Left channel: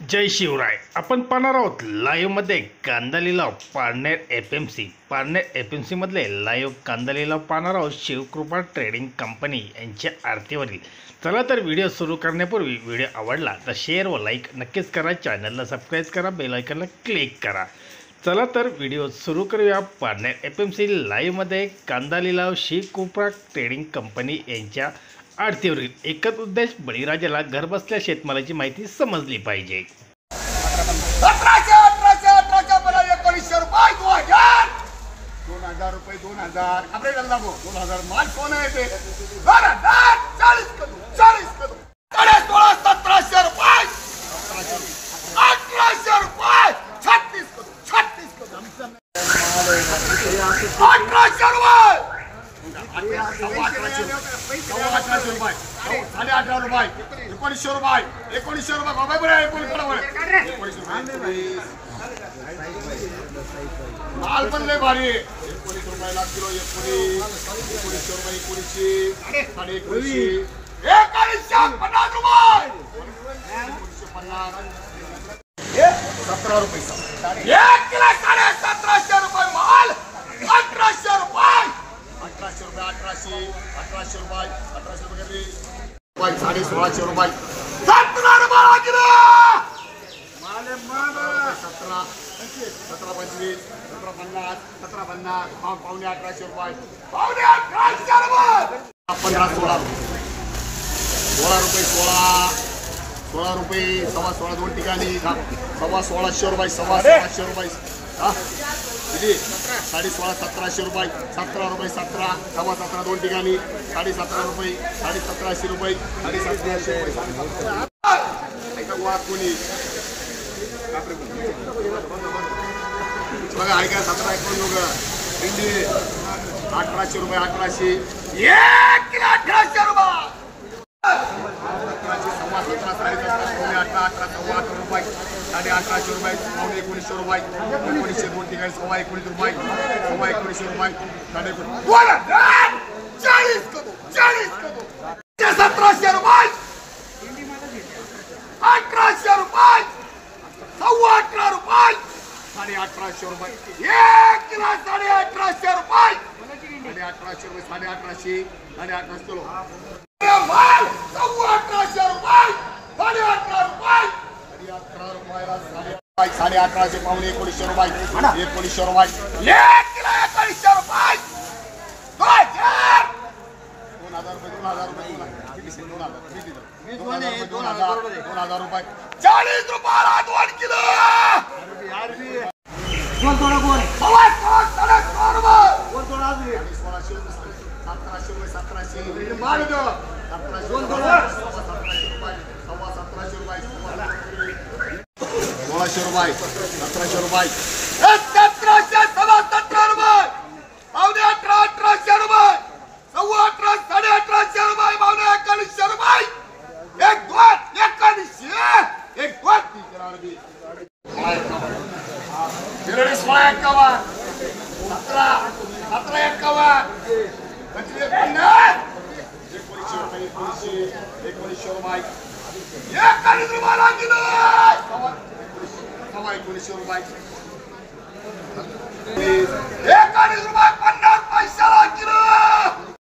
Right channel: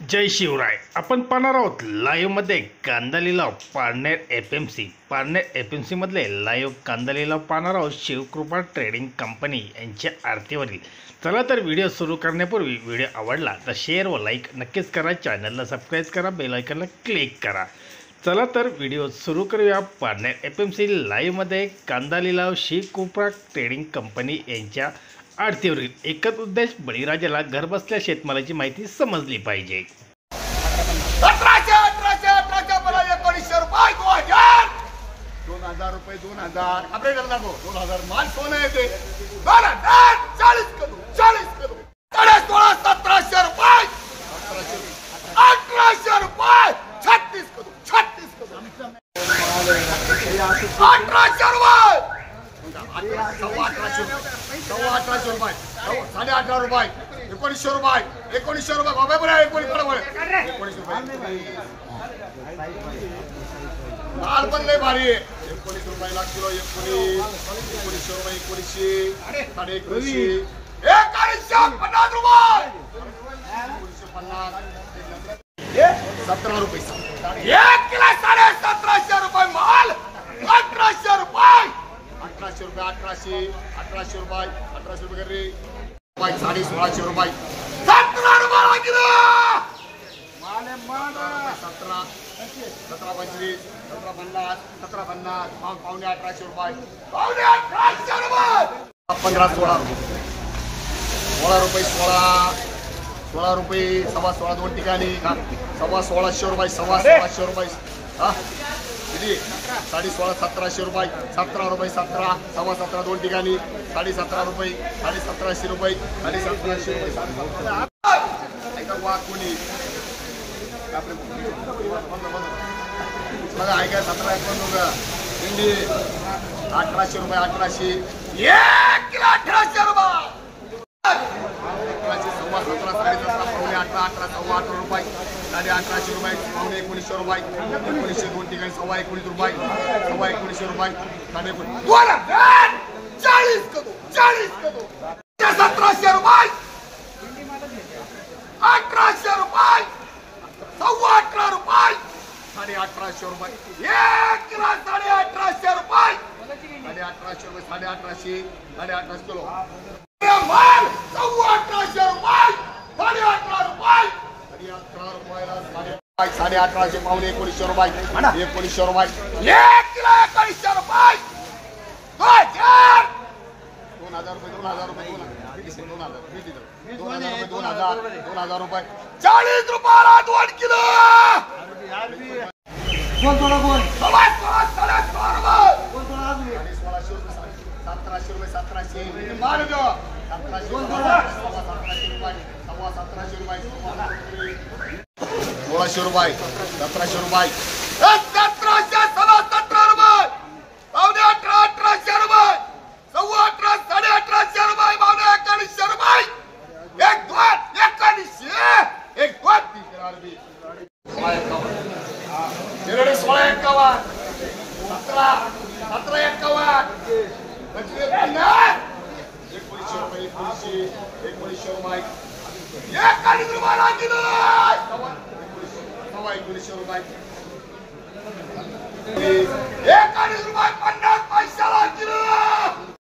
जय शिवराय. आपण पाहणार आहोत लाईव्हमध्ये कांदा लिलाव पारनेर एफएमसी मधले लाईव्ह कांदा लिलाव पाहणार आहोत शिवकृपा ट्रेडिंग कंपनी यांच्या आरतीवरील. चला तर व्हिडिओ सुरू करण्यापूर्वी व्हिडिओ आवडला तर शेअर व लाईक नक्कीच करा, चॅनलला सबस्क्राईब करा, बेल आयकॉनला क्लिक करा. चला तर व्हिडिओ सुरू करूया. पारनेर एफएमसी लाईव्हमध्ये कांदा लिलाव शिवकृपा ट्रेडिंग कंपनी यांच्या आरतीवरील. एकच उद्देश, बळीराजाला घरबसल्या शेतमालाची माहिती समजली पाहिजे. 2000 रुपये 2000 आपले करता 2000 माल सोनं येते 2000 40 करू 40 करू 16 1700 रुपये 1800 रुपये 36 करू 36 करू 1800 रुपये 1800 रुपये 18.5 रुपये 1900 रुपये 1900 रुपये बाबा बरं 1900 माल पण लय भारी आहे. 19 रुपयाला किलो 1900 रुपये 1900 साडे 1900 1950 रुपये 17 रुपये 1 किलो 1750 रुपये माल 1800 रुपये 1800 रुपये 1800 रुपये 1800 रुपये करले 1650 रुपये 17 रुपये किलो माले माल 17 17.25 17.50 17.50 पावणे 1800 रुपये पावणे 1800 रुपये 15 16 रुपये 16 रुपये 16 दोन ठिकाणी 1600 रुपये 1600 रुपये हा किती 16.5 1700 रुपये 17 रुपये 17 17 दोन ठिकाणी 17.5 रुपये 17.5 रुपये 17.5 रुपये कोणी बघा ऐका 17 इंडी 1800 रुपये 1800 1 किलो 1800 रुपये 17 17 18 रुपये 1800 रुपये 1900 रुपये 1900 दोन ठिकाणी 19 रुपये 1900 रुपये 40 करू 1700 रुपये 1800 रुपये 18 रुपये 18.5 रुपये 1 किलो 18.5 रुपये 18.5 रुपये 18.5 किलो माल 18.5 रुपये 18 रुपये 18 रुपयाला 18.5 पावणे 1900 रुपये 1900 रुपये 1 किलो 1900 रुपये 2000 रुपये 2000 रुपये 2000 रुपये 40 रुपयाला 2 किलो कोण थोडा कोण 1600 रुपये कोण थोडा 1600 1700 रुपये 1700 माल दो 1700 रुपये 1700 रुपये 1600 रुपये 1700 रुपये 1717 रुपये पावणे 1800 रुपये 18 1850 रुपये पावणे 1900 रुपये 1 2 1900 1 2 17 रुपये 50 पैशाला किलो